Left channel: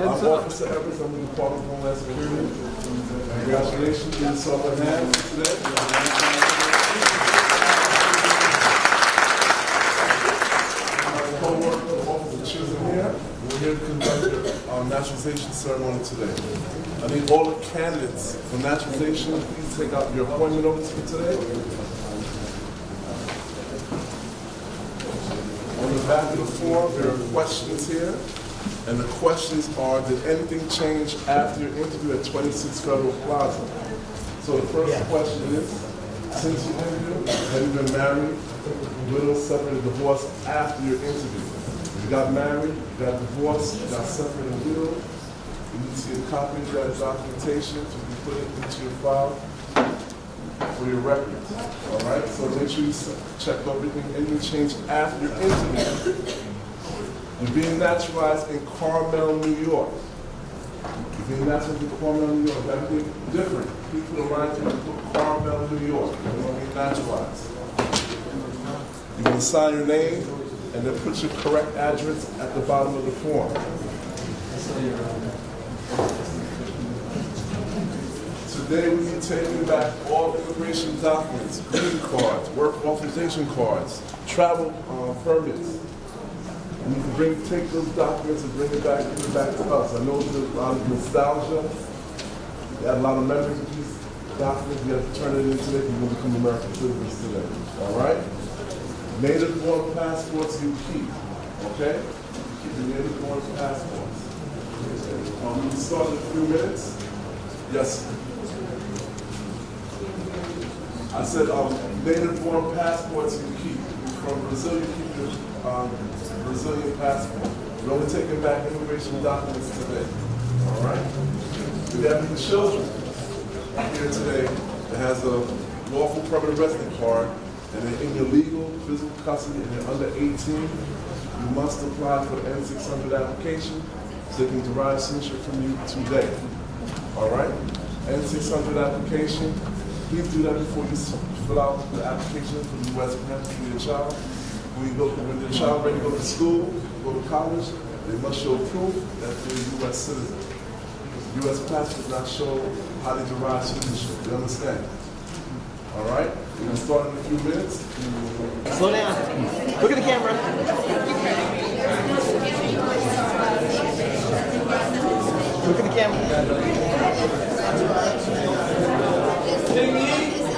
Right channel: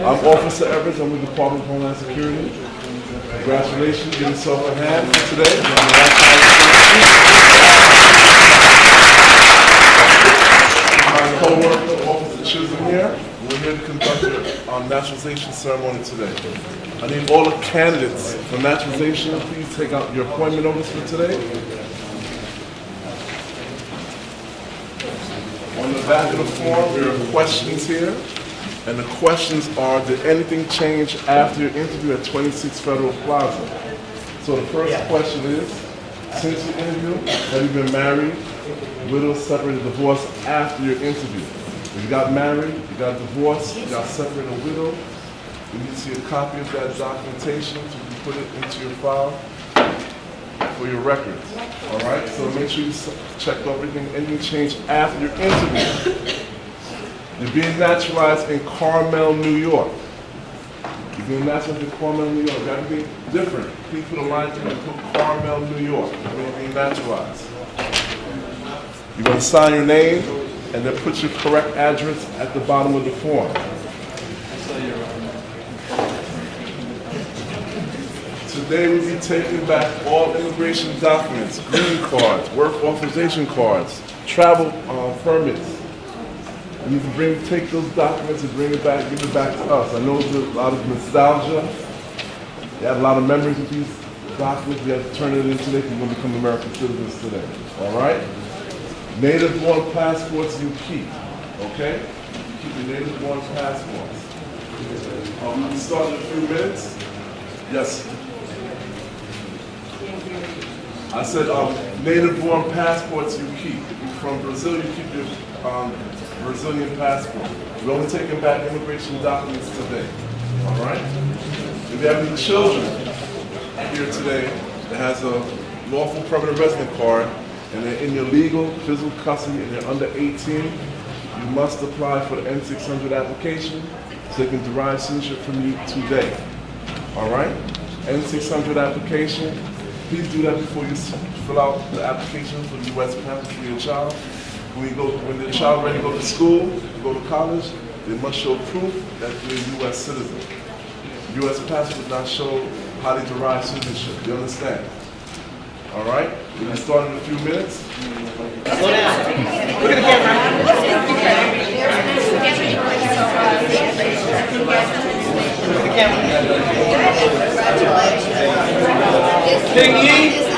I'm Officer Evans. I'm with the Department of Homeland Security. Congratulations. Give yourself a hand for today. My co-worker, Officer Chisholm here. We're here to conduct our naturalization ceremony today. I need all the candidates for naturalization. Please take out your appointment notice for today. On the back of the form, there are questions here. And the questions are, did anything change after your interview at 26 Federal Plaza? So the first question is, since your interview, have you been married, widowed, separated, divorced after your interview? If you got married, you got divorced, you got separated or widowed, you need to see a copy of that documentation so you can put it into your file for your records. All right, so make sure you check everything, anything changed after your interview. You're being naturalized in Carmel, New York. You're being naturalized in Carmel, New York. Everything different. Please put a line through and put Carmel, New York. You're being naturalized. You're going to sign your name and then put your correct address at the bottom of the form. Today we'll be taking back all immigration documents, green cards, work authorization cards, travel permits. You need to take those documents and bring it back, give it back to us. I know there's a lot of nostalgia. You have a lot of memories of these documents. We have to turn it in today because you're going to become American citizens today. All right? Native-born passports you keep. Okay? Keep the native-born passports. We'll start in a few minutes. Yes. I said native-born passports you keep. If you're from Brazil, you keep your Brazilian passport. We're only taking back immigration documents today. All right? If you have any children here today that has a lawful permanent resident card and they're in your legal physical custody and they're under 18, you must apply for the N600 application so they can derive citizenship from you today. All right? N600 application. Please do that before you fill out the application for the U.S. passport for your child. When the child ready to go to school, go to college, they must show proof that they're a U.S. citizen. U.S. passport does not show how they derive citizenship. You understand? All right? We're going to start in a few minutes. Slow down. Look at the camera. Look at the camera. Ding-ding.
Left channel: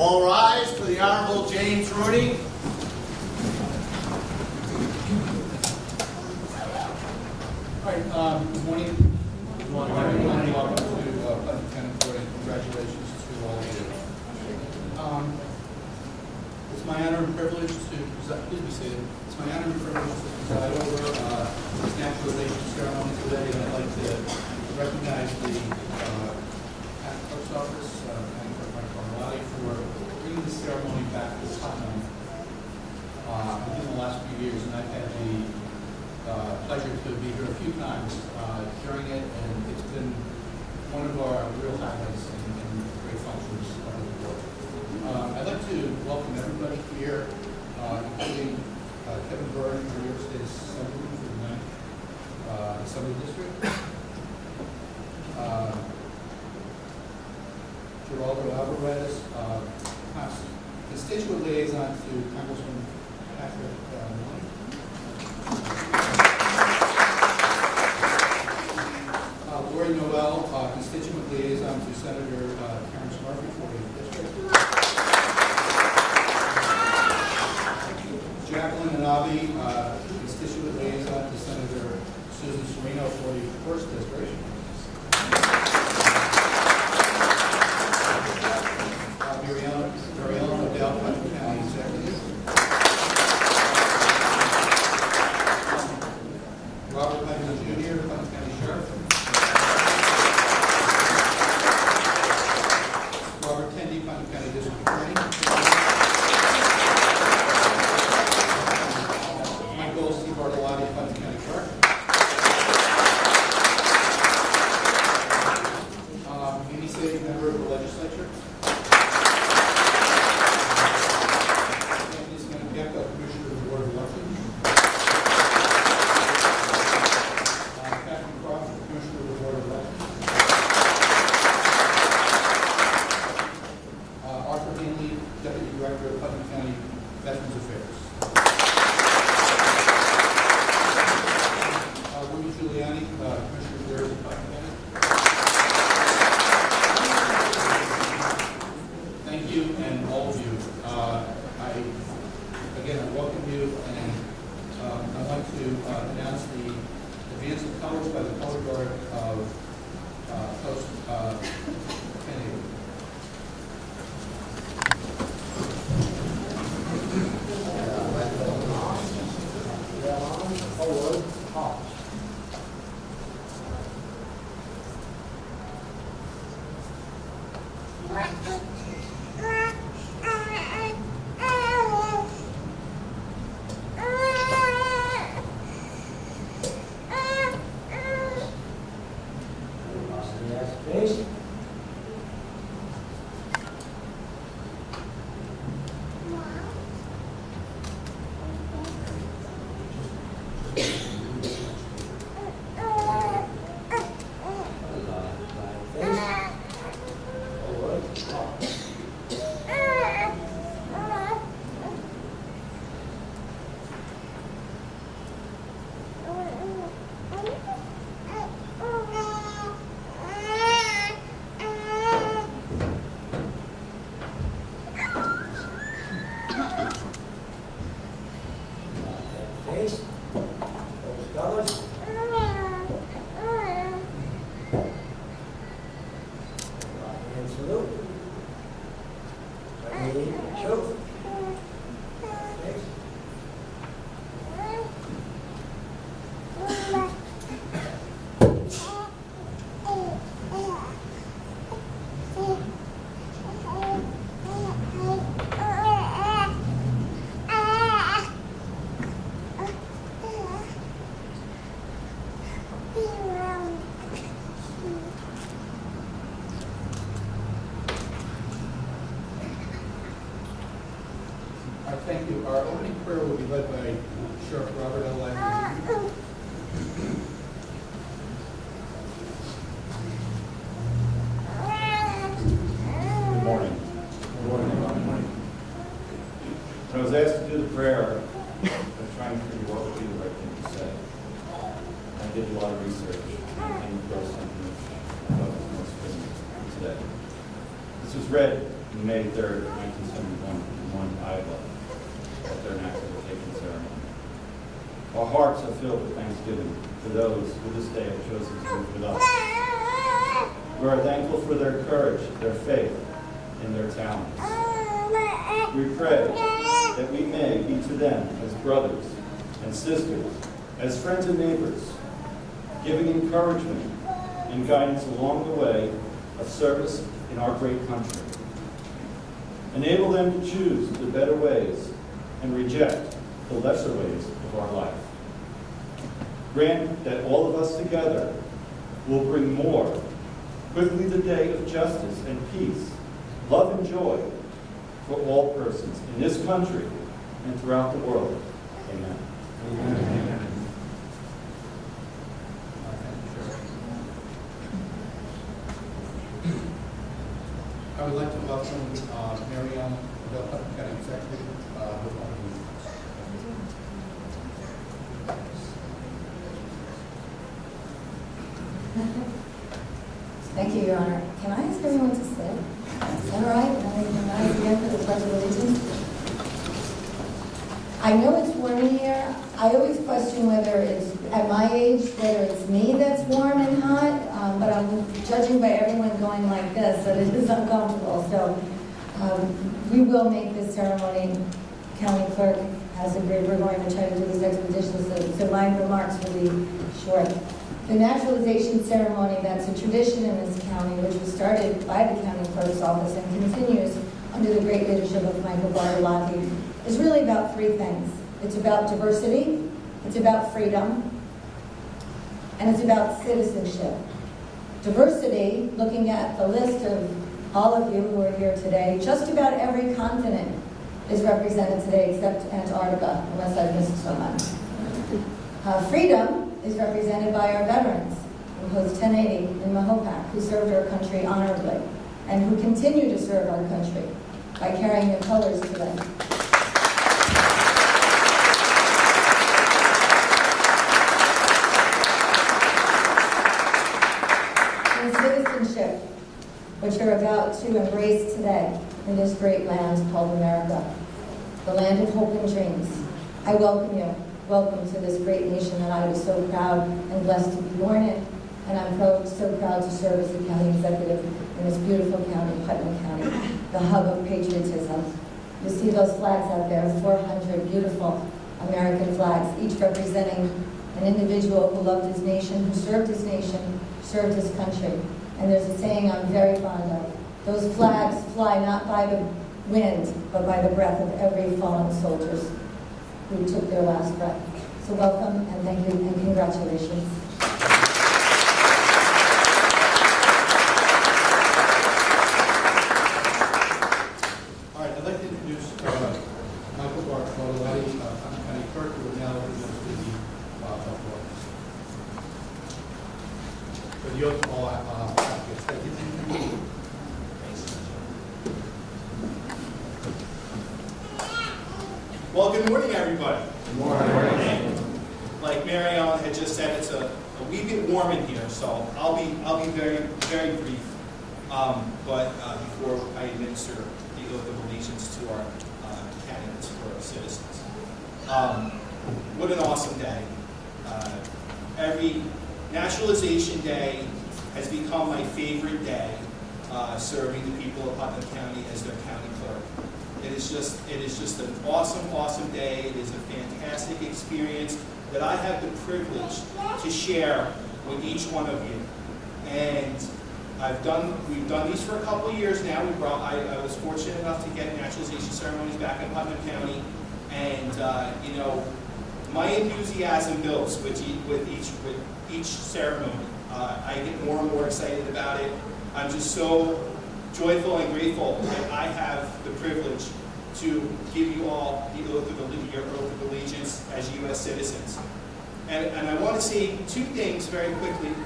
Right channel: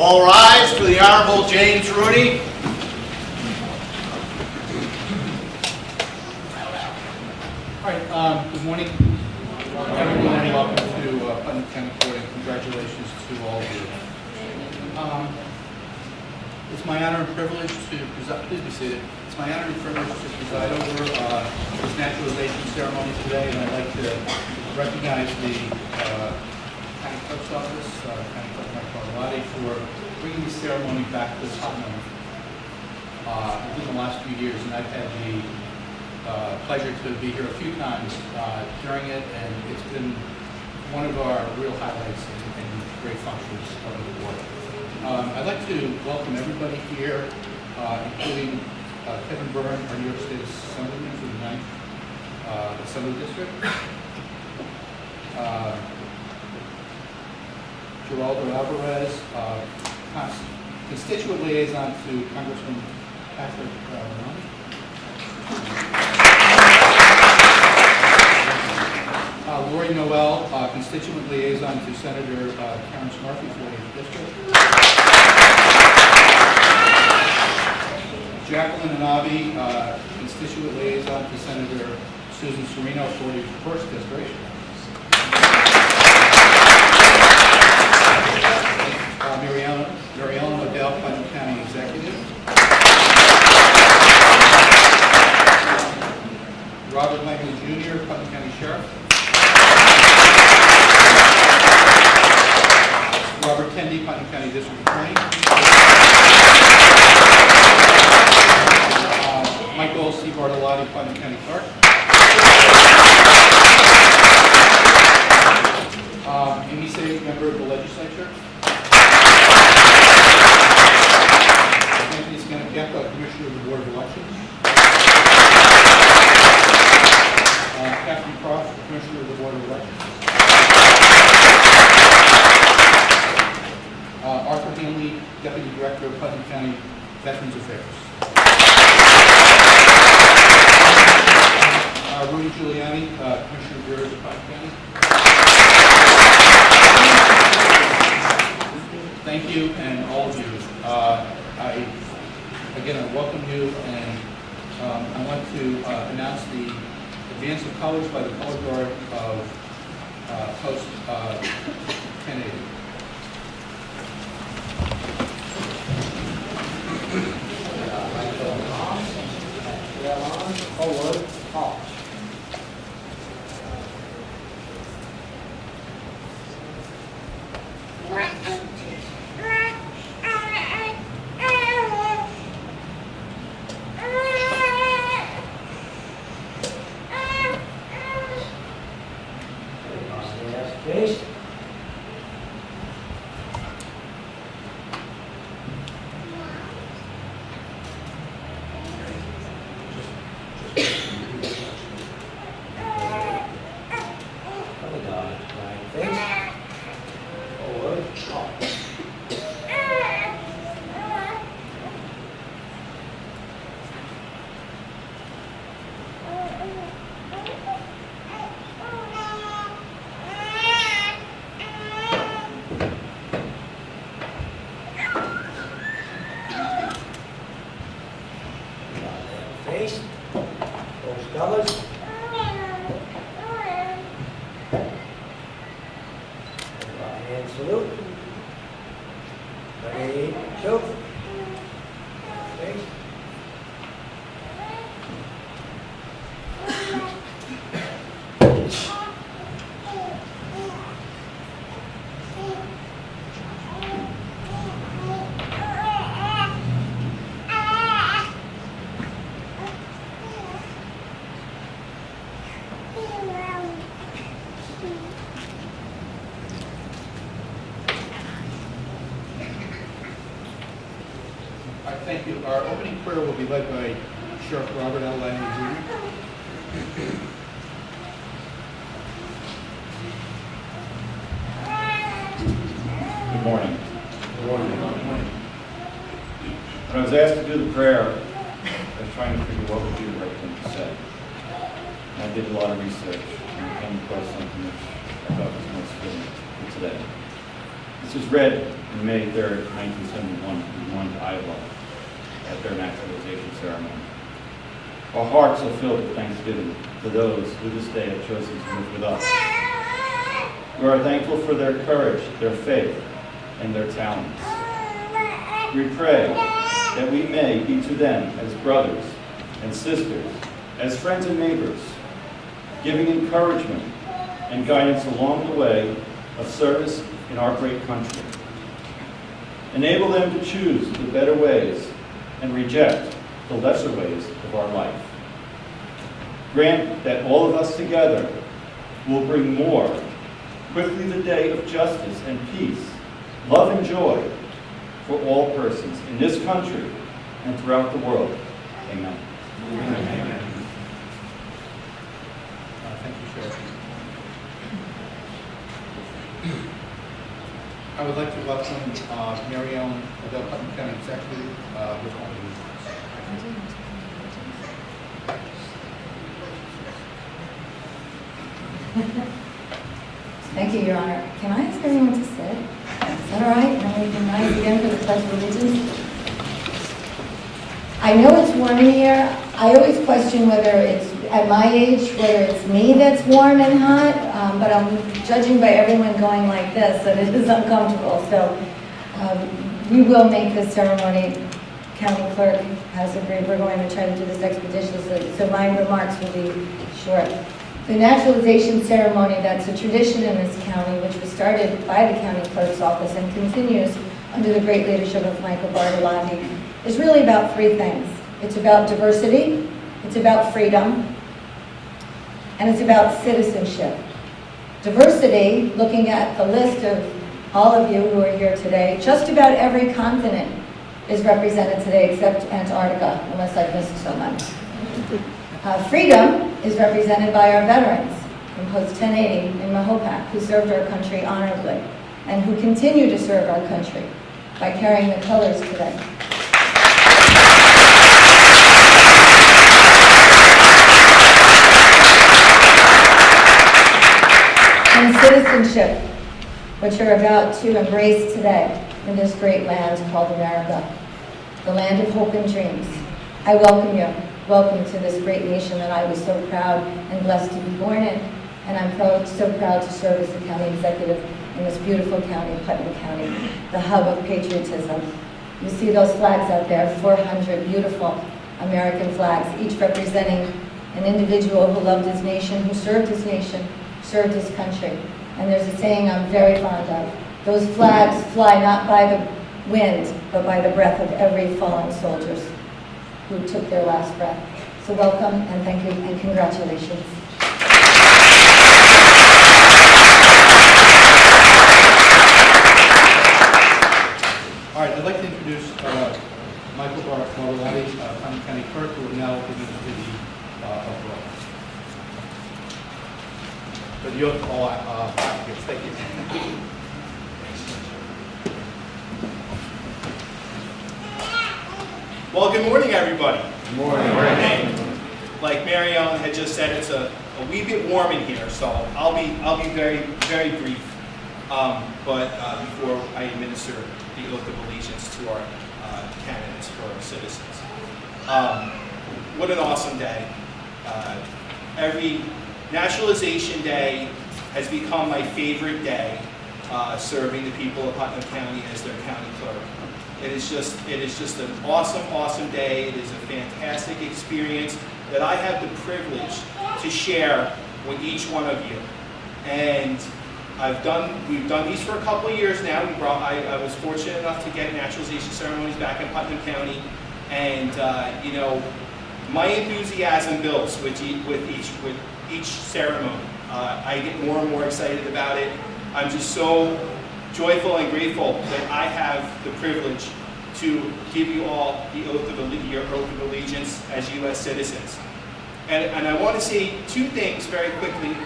All rise for the Honorable James Rooney. All right, good morning. Everyone, welcome to Putnam County Court, and congratulations to all of you. It's my honor and privilege to preside. Please be seated. It's my honor and privilege to preside over this naturalization ceremony today, and I'd like to recognize the County Clerk's Office, County Clerk Mike Bartolotti, for bringing the ceremony back to Putnam within the last few years, and I've had the pleasure to be here a few times during it, and it's been one of our real highlights and great functions of the board. I'd like to welcome everybody here, including Kevin Byrne, our New York State Assemblyman for the 9th Assembly District, Geraldo Alvarez, constituent liaison to Congressman Patrick Romney. Lori Noel, constituent liaison to Senator Terrence Murphy for the district. Jacqueline Anabi, constituent liaison to Senator Susan Serino for the 1st district. Mariella Odell, Putnam County Executive. Putnam County Veterans Affairs. Rudy Giuliani, Commissioner of Bureau of Pike County. Thank you, and all of you. I welcome you, and I want to announce the advance of colors by the color guard of Post 1080. Face. Other God, right face. Forward. Up. Face. Those colors. Right hand salute. Ready, shoot. Face. All right, thank you. Our opening prayer will be led by Sheriff Robert L. Langley Jr. Good morning. When I was asked to do the prayer, I was trying to figure what would be the right thing to say. I did a lot of research and came across something which I thought was most fitting for today. This was read on May 3rd, 1971, in Warren, Iowa, at their naturalization ceremony. Our hearts are filled with thanksgiving for those who this day have chosen to live with us. We are thankful for their courage, their faith, and their talents. We pray that we may be to them as brothers and sisters, as friends and neighbors, giving encouragement and guidance along the way of service in our great country. Enable them to choose the better ways and reject the lesser ways of our life. Grant that all of us together will bring more quickly the day of justice and peace, love and joy for all persons in this country and throughout the world. Amen. Amen. Thank you, Sheriff. I would like to welcome Mary Ellen, the Putnam County Executive, with all the Thank you, Your Honor. Can I ask everyone to sit? Is that all right? And then we can rise again for the Pledge of Allegiance. I know it's warm in here. I always question whether it's, at my age, whether it's me that's warm and hot, but I'm judging by everyone going like this that it is uncomfortable. So we will make this ceremony. County Clerk has agreed we're going to try to do this expeditiously, so my remarks will be short. The naturalization ceremony, that's a tradition in this county, which was started by the county clerk's office and continues under the great leadership of Michael Bartolotti, is really about three things. It's about diversity, it's about freedom, and it's about citizenship. Diversity, looking at the list of all of you who are here today, just about every continent is represented today except Antarctica, unless I've missed someone. Freedom is represented by our veterans from Post 1080 in Mahopac, who served our country honorably and who continue to serve our country by carrying the colors today. citizenship, which you're about to embrace today in this great land called America, the land of hope and dreams. I welcome you. Welcome to this great nation that I was so proud and blessed to be born in. And I'm so proud to serve as the county executive in this beautiful county, Putnam County, the hub of patriotism. You see those flags out there, 400 beautiful American flags, each representing an individual who loved his nation, who served his nation, served his country. And there's a saying I'm very fond of. Those flags fly not by the wind, but by the breath of every fallen soldiers who took their last breath. So welcome and thank you and congratulations. All right, I'd like to introduce Michael Bartolotti, Putnam County Clerk, who will now administer the oath of office. But the oath, all applicants, thank you. Well, good morning, everybody. Good morning. Like Mary Ellen had just said, it's a wee bit warm in here, so I'll be very, very brief. Before I administer the oath of allegiance to our candidates for our citizens. What an awesome day. Every Naturalization Day has become my favorite day, serving the people of Putnam County as their county clerk. It is just an awesome, awesome day. It is a fantastic experience that I have the privilege to share with each one of you. And we've done these for a couple of years now. I was fortunate enough to get naturalization ceremonies back in Putnam County, and my enthusiasm builds with each ceremony. I get more and more excited about it. I'm just so joyful and grateful that I have the privilege to give you all your oath of allegiance as U.S. citizens. And I want to say two things very quickly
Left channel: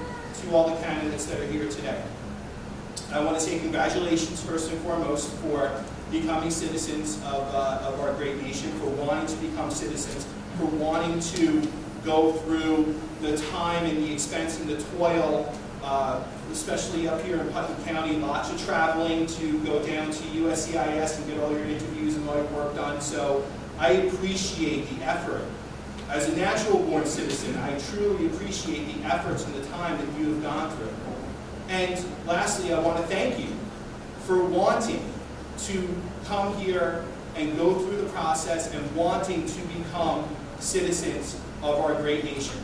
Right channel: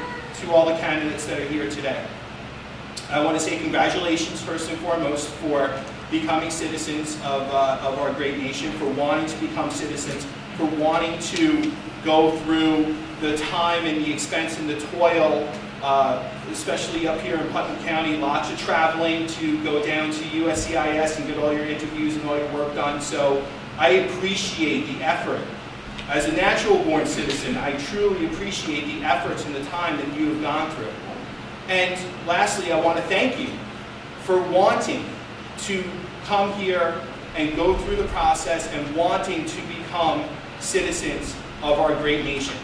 to all the candidates that are here today. I want to say congratulations first and foremost for becoming citizens of our great nation, for wanting to become citizens, for wanting to go through the time and the expense and the toil, especially up here in Putnam County, lots of traveling to go down to USCIS and get all your interviews and all your work done. So I appreciate the effort. As a natural-born citizen, I truly appreciate the efforts and the time that you have gone through. And lastly, I want to thank you for wanting to come here and go through the process and wanting to become citizens of our great nation.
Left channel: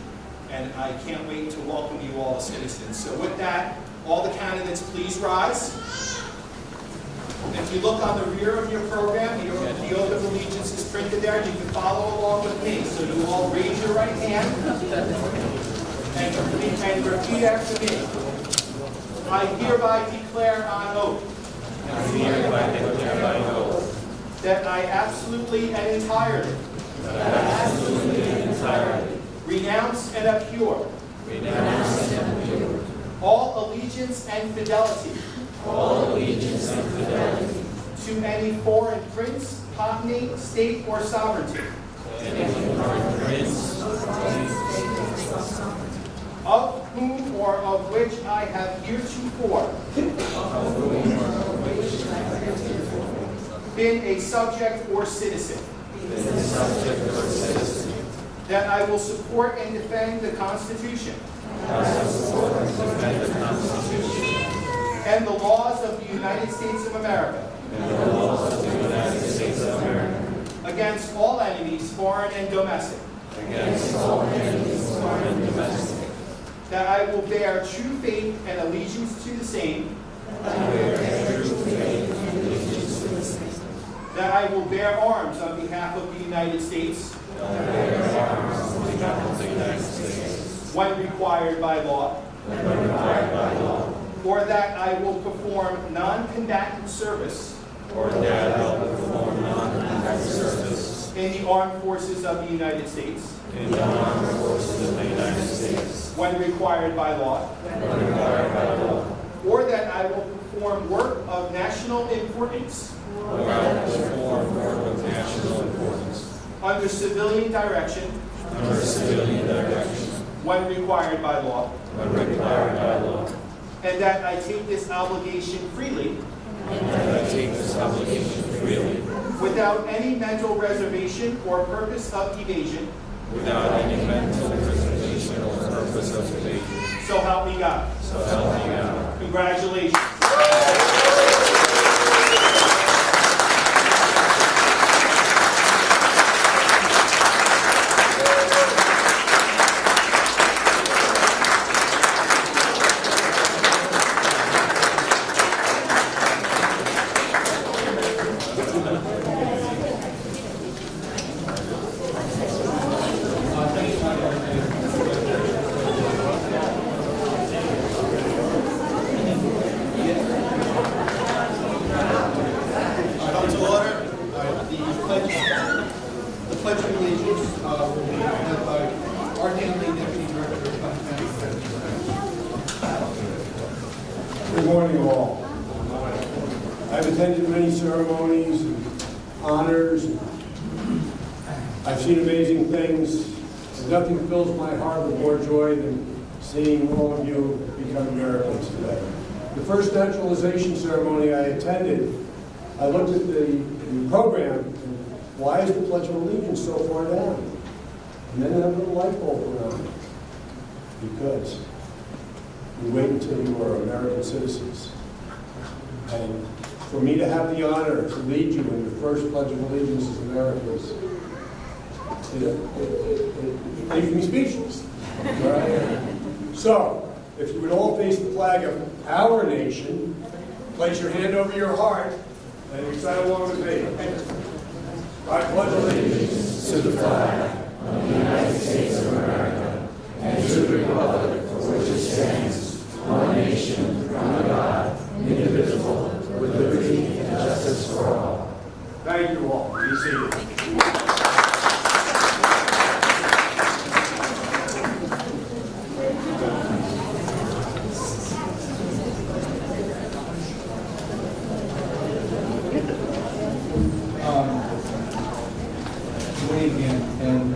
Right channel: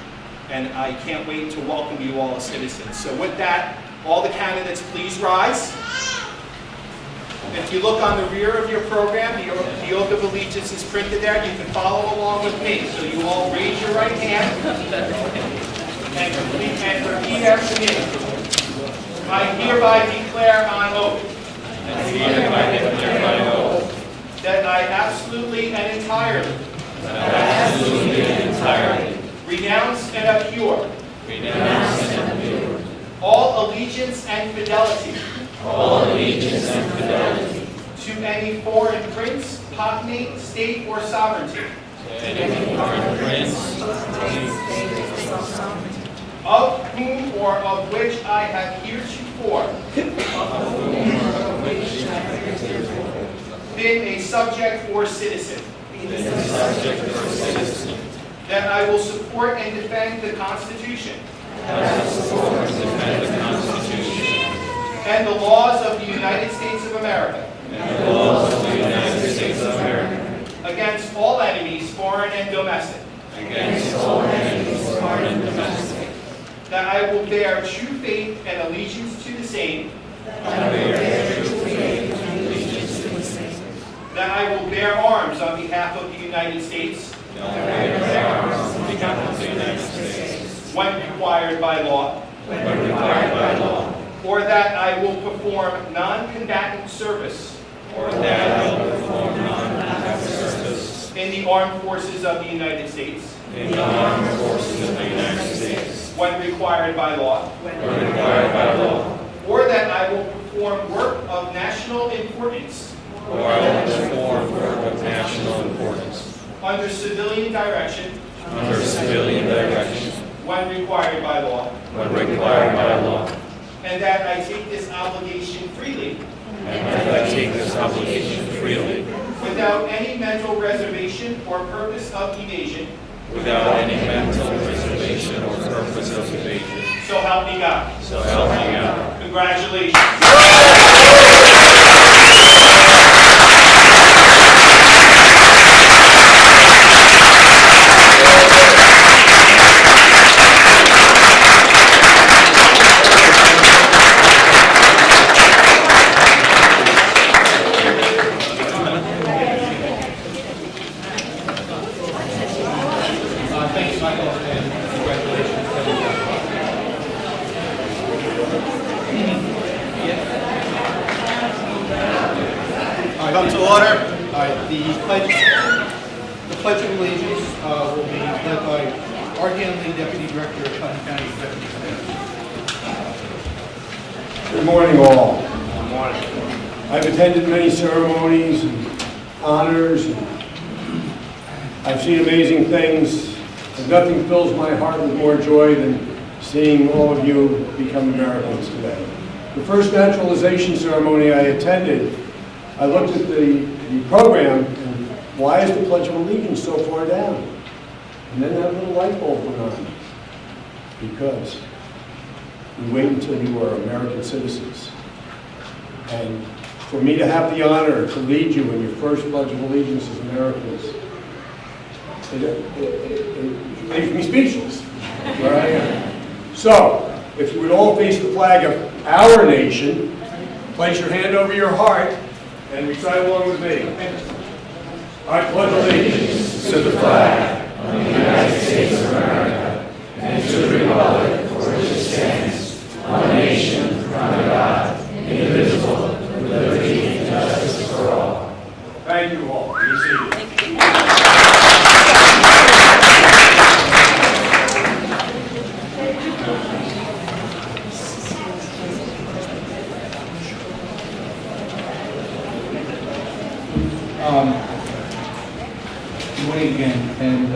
And I can't wait to welcome you all as citizens. So with that, all the candidates, please rise. If you look on the rear of your program, the oath of allegiance is printed there. You can follow along with me. So you all raise your right hand and repeat after me. I hereby declare on oath that I absolutely and entirely renounce and abhor all allegiance and fidelity to any foreign prince, cognate, state, or sovereignty of whom or of which I have heretofore been a subject or citizen. That I will support and defend the Constitution and the laws of the United States of America against all enemies, foreign and domestic. That I will bear true faith and allegiance to the same. That I will bear arms on behalf of the United States. When required by law. Or that I will perform non-combatant service. In the armed forces of the United States. When required by law. Or that I will perform work of national importance. Under civilian direction. When required by law. and that I take this obligation freely without any mental reservation or purpose of evasion. Without any mental reservation or purpose of evasion. So help me God. So help me God. Congratulations. Thank you, Michael, and congratulations. All right, come to order. All right, the pledge of allegiance will be led by Art Hanley, Deputy Director of Putnam County Executive Committee. Good morning, all. Good morning. I've attended many ceremonies and honors. I've seen amazing things, and nothing fills my heart with more joy than seeing all of you become Americans today. The first naturalization ceremony I attended, I looked at the program, and why is the Pledge of Allegiance so far down? And then that little light bulb went on. Because we wait until you are American citizens. And for me to have the honor to lead you in your first Pledge of Allegiance as Americans, it makes me speechless. All right? So, if you would all face the flag of our nation, place your hand over your heart, and recite along with me. I pledge allegiance to the flag of the United States of America and to the republic for which it stands, one nation, under God, indivisible, with liberty and justice for all. Thank you all. Be seated. Good morning again, and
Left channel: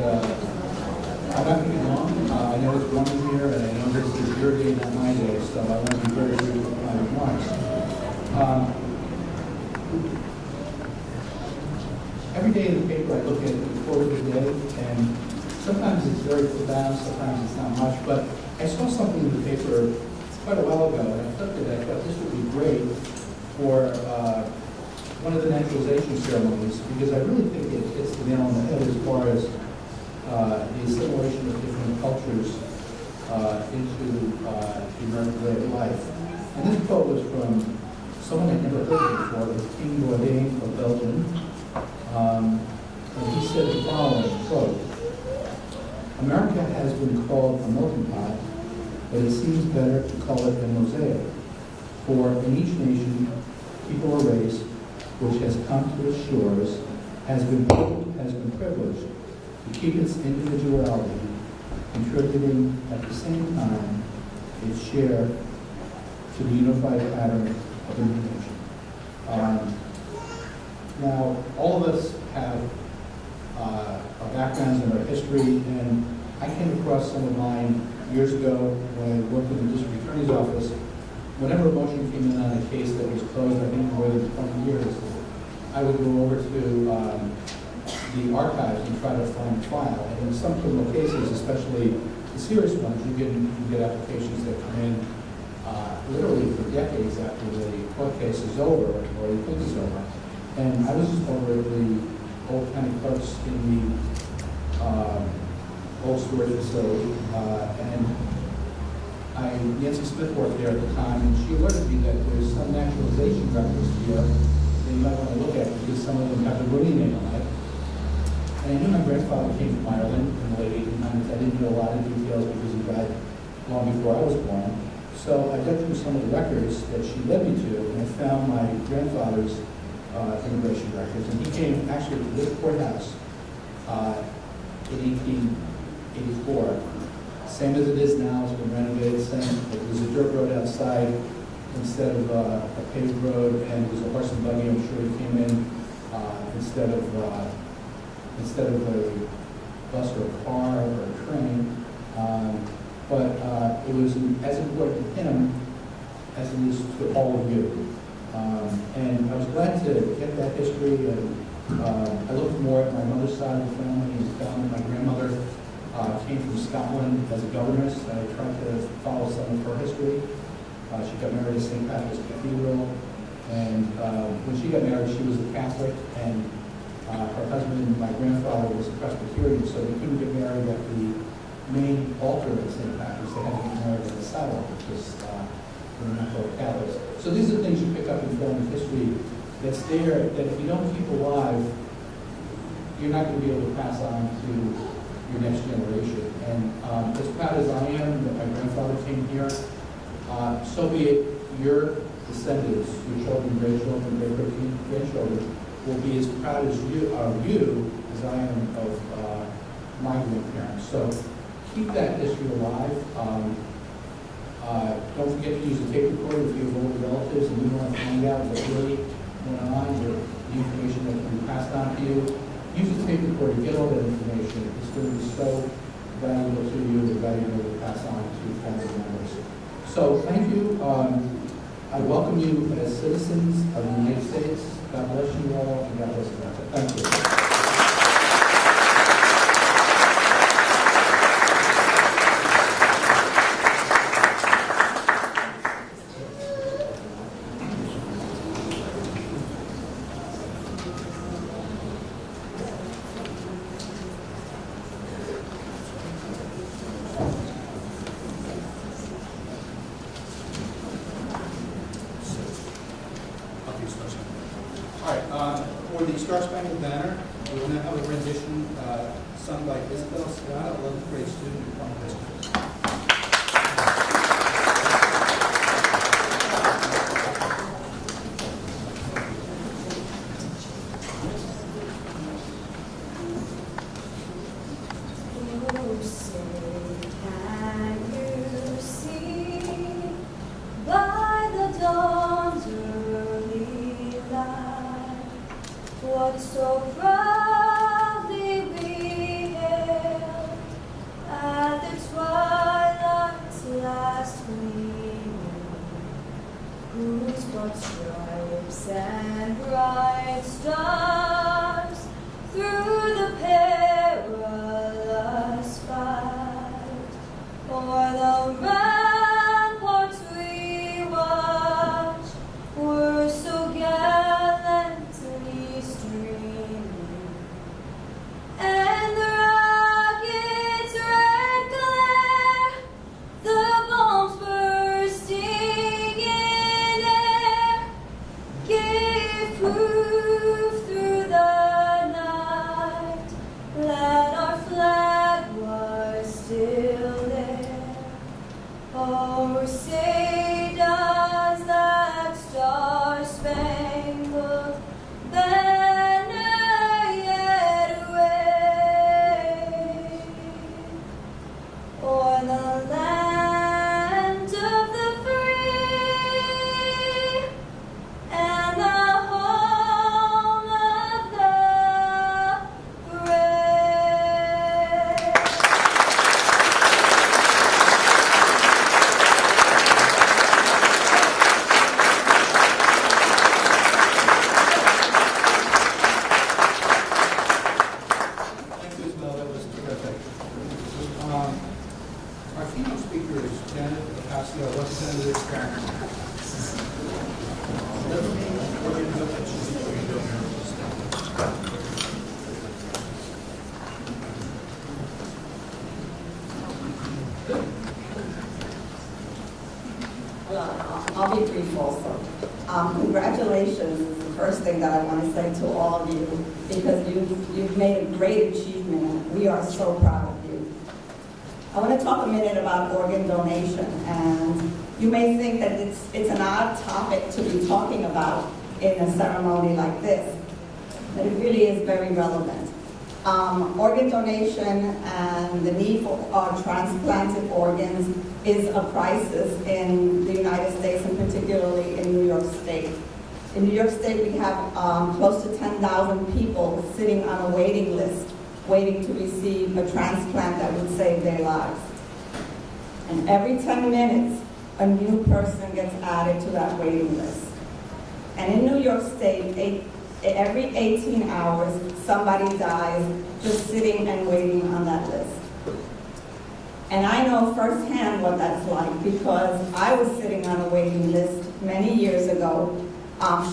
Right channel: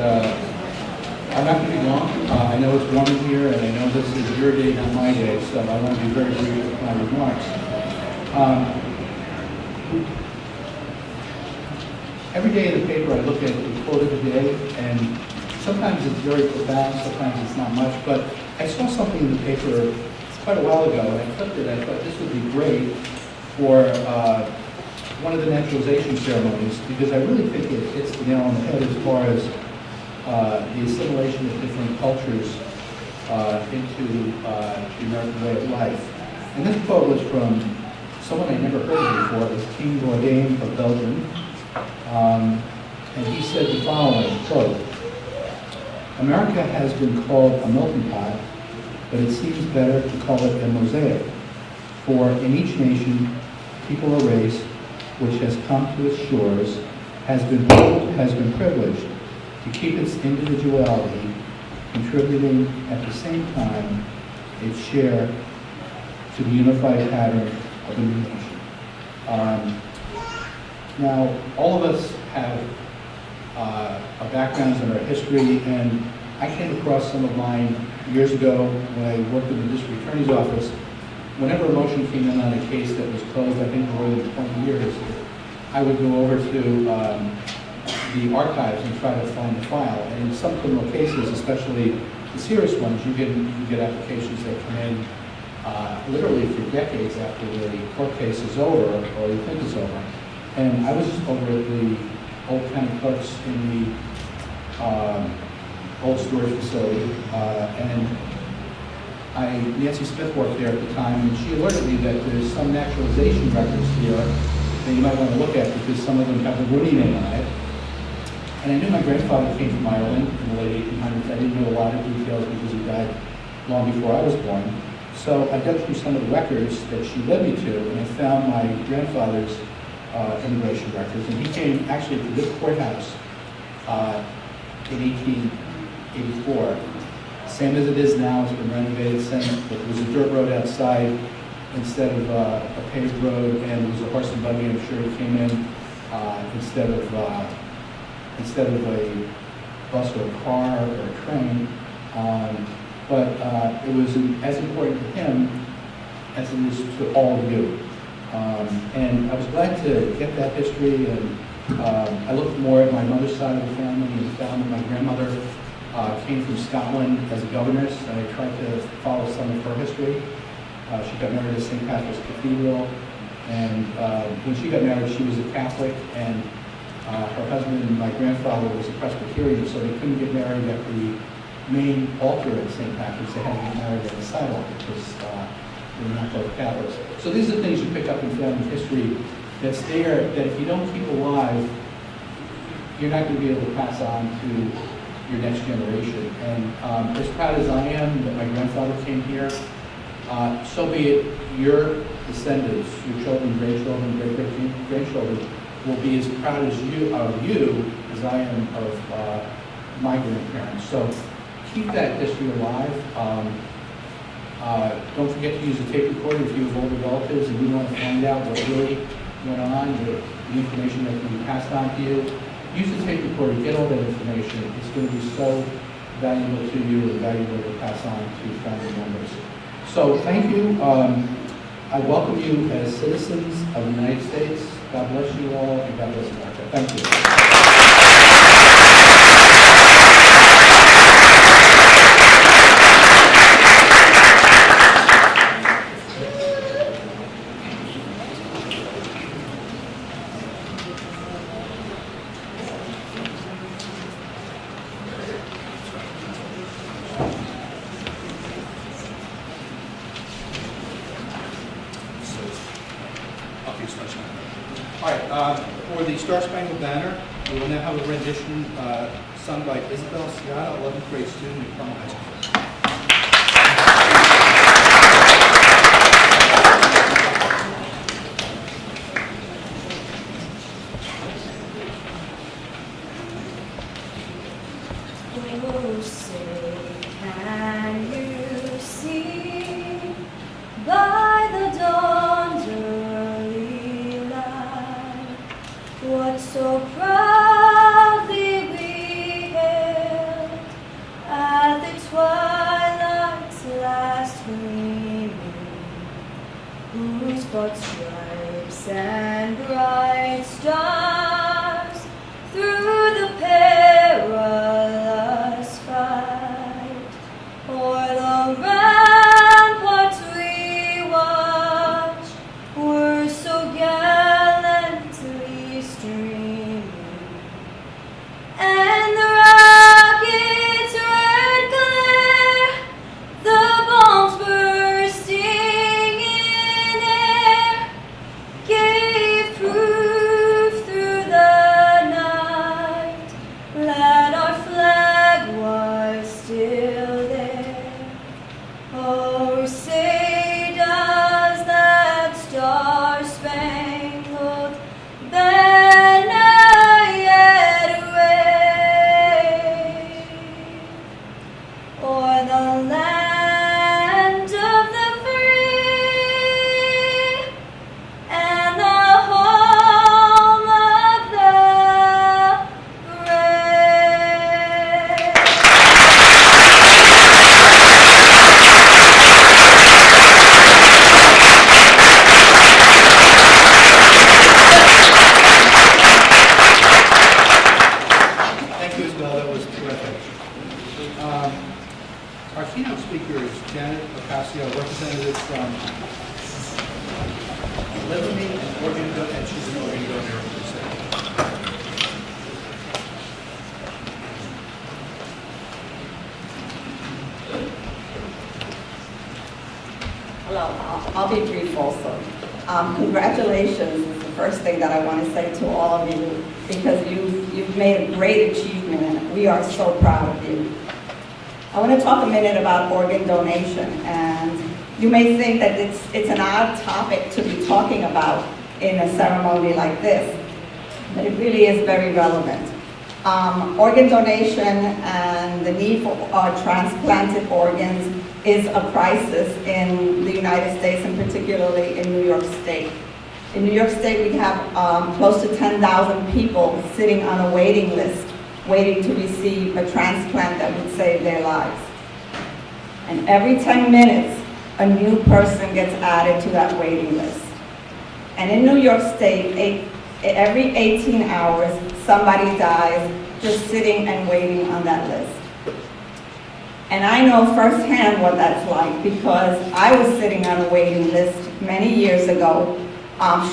I'm not going to be long. I know it's warm in here, and I know this is your day, not my day, so I want to be very brief with my remarks. Every day in the paper, I look at the quote of the day, and sometimes it's very profound, sometimes it's not much, but I saw something in the paper quite a while ago, and I clicked it. I thought this would be great for one of the naturalization ceremonies, because I really think it hits the nail on the head as far as the assimilation of different cultures into the American way of life. And this quote was from someone I never heard of before. It was King Bourdain of Belgium. And he said the following, quote, "America has been called a melting pot, but it seems better to call it a mosaic. For in each nation, people or race which has come to its shores has been privileged to keep its individuality, contributing at the same time its share to the unified pattern of the new nation." Now, all of us have our backgrounds and our history, and I came across some of mine years ago when I worked in the district attorney's office. Whenever a motion came in on a case that was closed, I think more than 20 years, I would go over to the archives and try to find the file. And in some criminal cases, especially the serious ones, you get applications that come in literally for decades after the court case is over, or you think it's over. And I was just over at the old county clerks in the old storage facility, and Nancy Smith worked there at the time, and she alerted me that there's some naturalization records here that you might want to look at, because some of them have the Rooney name on it. And I knew my grandfather came from Ireland in the late 1800s. I didn't know a lot of details because he died long before I was born. So I dug through some of the records that she led me to, and I found my grandfather's immigration records. And he came actually to this courthouse in 1884. Same as it is now, it's been renovated since, but there was a dirt road outside instead of a paved road, and there was a horse and buggy. I'm sure he came in instead of a bus or a car or a train. But it was as important to him as it is to all of you. And I was glad to get that history, and I looked more at my mother's side of the family and found that my grandmother came from Scotland as a governess, and I tried to follow some of her history. She got married at St. Patrick's Cathedral, and when she got married, she was a Catholic, and her husband, my grandfather, was a Presbyterian, so they couldn't get married at the main altar at St. Patrick's. They had to get married at the side altar because they were not both Catholics. So these are things you pick up in family history that's there, that if you don't keep alive, you're not going to be able to pass on to your next generation. And as proud as I am that my grandfather came here, so be it your descendants, your children, grandchildren, great-great-grandchildren, will be as proud as you as I am of my grandparents. So keep that history alive. Don't forget to use a tape recorder if you have older relatives and you want to find out what really went on, the information that can be passed on to you. Use the tape recorder, get all that information. It's going to be so valuable to you and valuable to pass on to family members. So thank you. I welcome you as citizens of the United States. God bless you all, and God bless America. Thank you. All right, for the Star Spangled Banner, we will now have a rendition sung by Isabel Scott, 11th grade student at Putnam High School. Oh, say, can you see by the dawn's early light what so proudly we hailed at the twilight's last gleaming, whose broad stripes and bright stars through the perilous fight o'er the ramparts we watched were so gallantly streaming, and the rocket's red glare, the bombs bursting in air, gave proof through the night that our flag was still there. Oh, say does that star-spangled banner yet wave o'er the land of the free and the home of the brave? Thank you, Isabel. That was terrific. Our keynote speaker is Janet Ocasio, representative from Liberty and Oregon Donor, and she's an Oregon Donor. Hello, I'll be brief also. Congratulations is the first thing that I want to say to all of you, because you've made a great achievement and we are so proud of you. I want to talk a minute about organ donation, and you may think that it's an odd topic to be talking about in a ceremony like this, but it really is very relevant. Organ donation and the need for transplanted organs is a crisis in the United States, and particularly in New York State. In New York State, we have close to 10,000 people sitting on a waiting list, waiting to receive a transplant that would save their lives. And every 10 minutes, a new person gets added to that waiting list. And in New York State, every 18 hours, somebody dies just sitting and waiting on that list. And I know firsthand what that's like because I was sitting on a waiting list many years ago,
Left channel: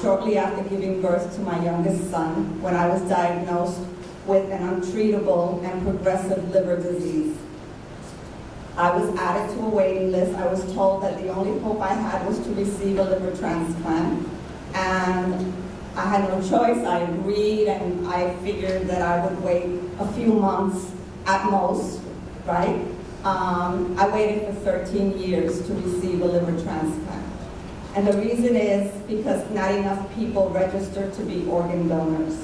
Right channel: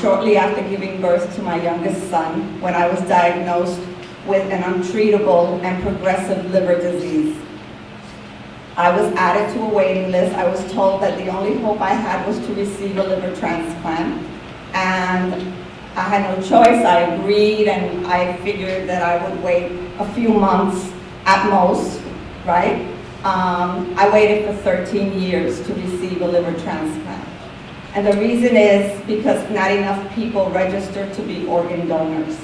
shortly after giving birth to my youngest son, when I was diagnosed with an untreatable and progressive liver disease. I was added to a waiting list. I was told that the only hope I had was to receive a liver transplant. And I had no choice. I agreed, and I figured that I would wait a few months at most, right? I waited for 13 years to receive a liver transplant. And the reason is because not enough people register to be organ donors.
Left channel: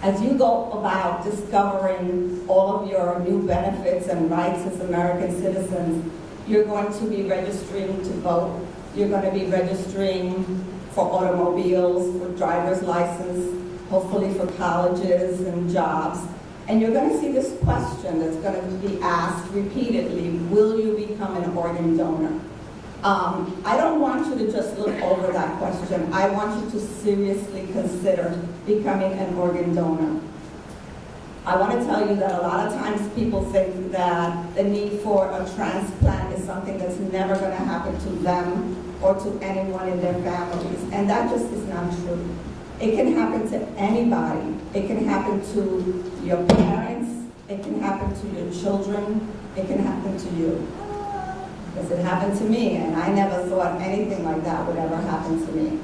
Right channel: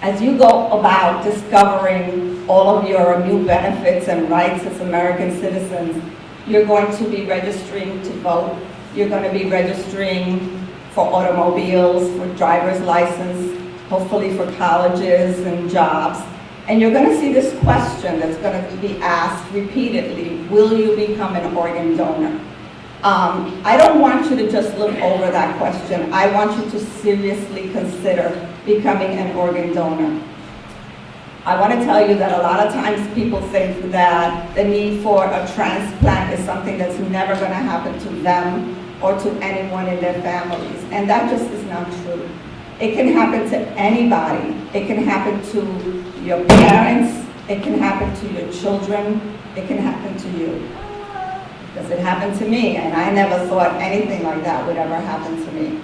As you go about discovering all of your new benefits and rights as American citizens, you're going to be registering to vote. You're going to be registering for automobiles, for driver's license, hopefully for colleges and jobs. And you're going to see this question that's going to be asked repeatedly: will you become an organ donor? I don't want you to just look over that question. I want you to seriously consider becoming an organ donor. I want to tell you that a lot of times people think that the need for a transplant is something that's never going to happen to them or to anyone in their families, and that just is not true. It can happen to anybody. It can happen to your parents. It can happen to your children. It can happen to you. Because it happened to me, and I never thought anything like that would ever happen to me.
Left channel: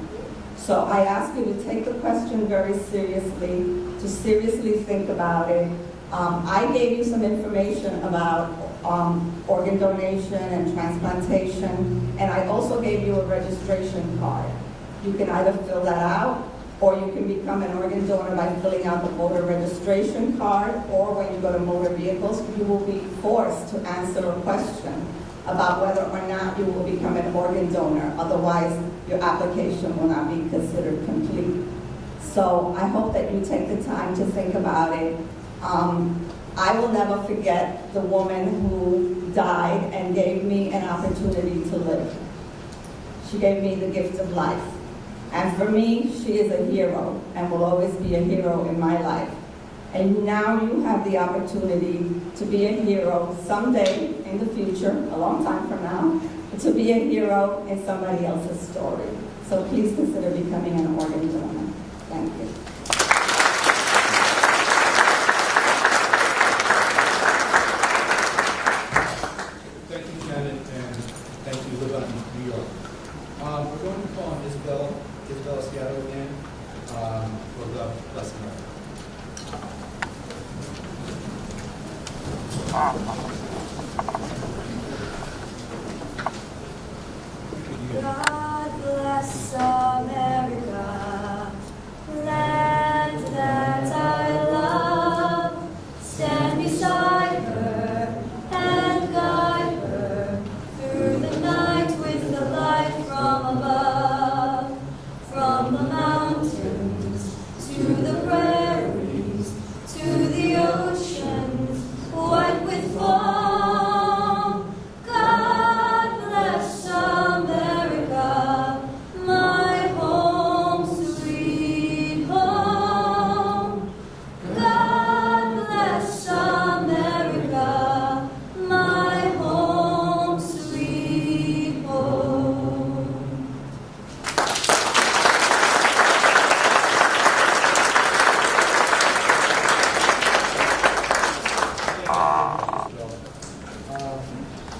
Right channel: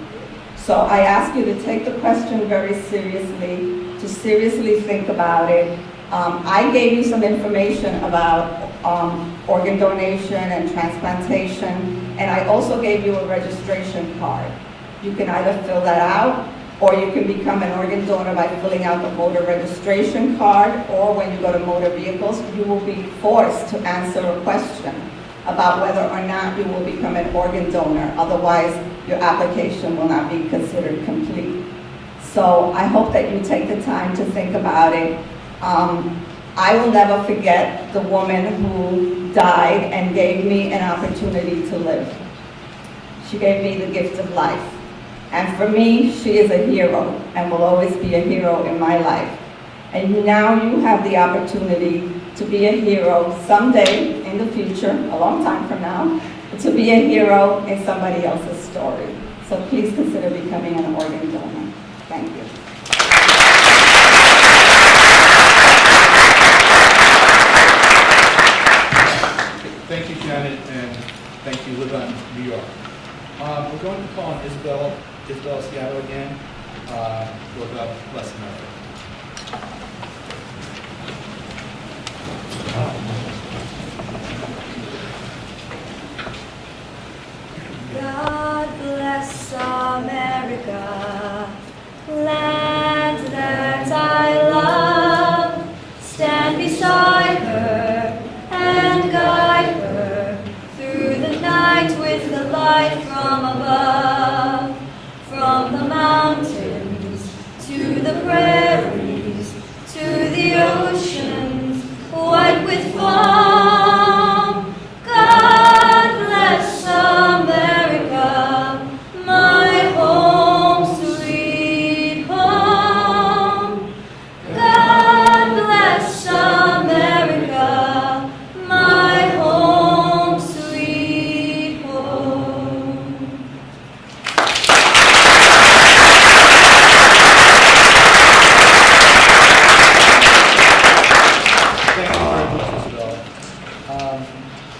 So I ask you to take the question very seriously, to seriously think about it. I gave you some information about organ donation and transplantation, and I also gave you a registration card. You can either fill that out, or you can become an organ donor by filling out the voter registration card, or when you go to motor vehicles, you will be forced to answer a question about whether or not you will become an organ donor. Otherwise, your application will not be considered complete. So I hope that you take the time to think about it. I will never forget the woman who died and gave me an opportunity to live. She gave me the gift of life. And for me, she is a hero and will always be a hero in my life. And now you have the opportunity to be a hero someday in the future, a long time from now, to be a hero in somebody else's story. So please consider becoming an organ donor. Thank you. Thank you, Janet, and thank you, Live on New York. We're going to call on Isabel Seattle again. For God bless America. God bless America, land that I love. Stand beside her and guide her through the night with the light from above. From the mountains to the prairies to the oceans white with foam. God bless America, my home sweet home. God bless America, my home sweet home. Thank you very much, Isabel.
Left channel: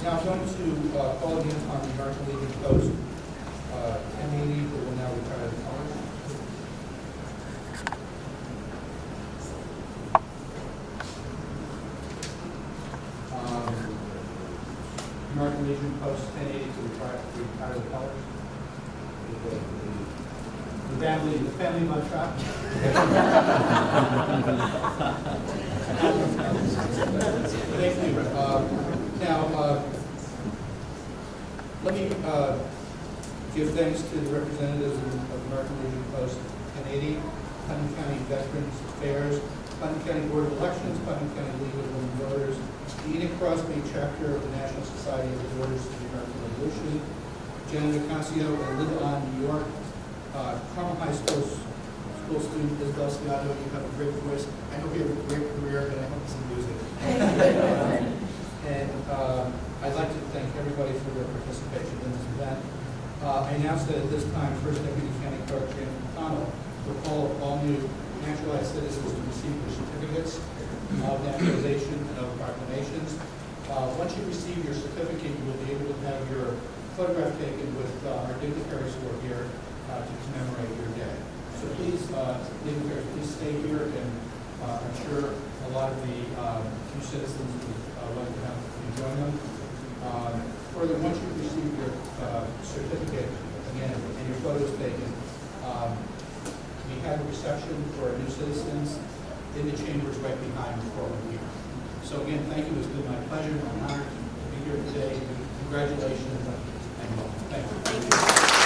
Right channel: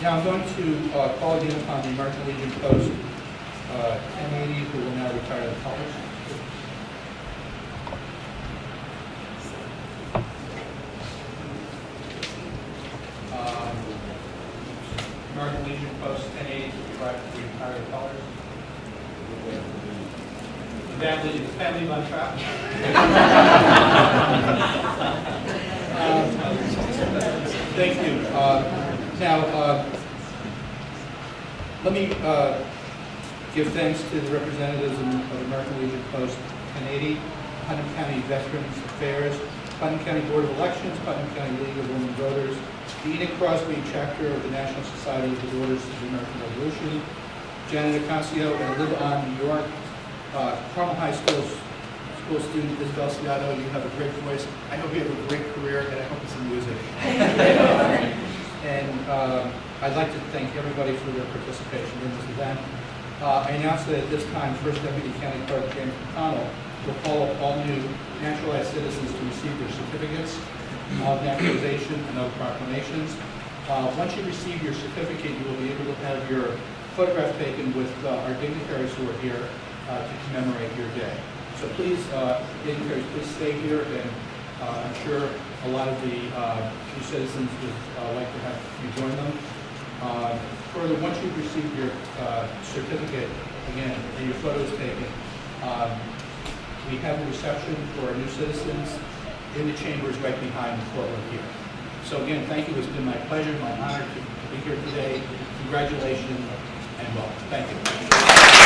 Now I'm going to call again upon the American Legion Post M80, who will now retire the colors. American Legion Post 1080 to retire the colors. The family on track. Thank you. Now, let me give thanks to the representatives of American Legion Post 1080, Putnam County Veterans Affairs, Putnam County Board of Elections, Putnam County League of Women Voters, Eden Crosby, chapter of the National Society of the Daughters of the American Revolution. Janet Acancio, Linda, New York. Carmel High School student Isabel Ciano, you have a great voice. I hope you have a great career, and I hope it's in music. And I'd like to thank everybody for their participation in this event. I announce that at this time, First Deputy County Clerk James McConnell will call up all new naturalized citizens to receive their certificates of naturalization and other proclamations. Once you receive your certificate, you will be able to have your photograph taken with our dignitaries who are here to commemorate your day. So please, dignitaries, please stay here, and I'm sure a lot of the new citizens would like to have you join them. Further, once you've received your certificate, again, and your photos taken, we have a reception for our new citizens in the chambers right behind the courtroom here. So again, thank you. It's been my pleasure, my honor to be here today. Congratulations and welcome. Thank you.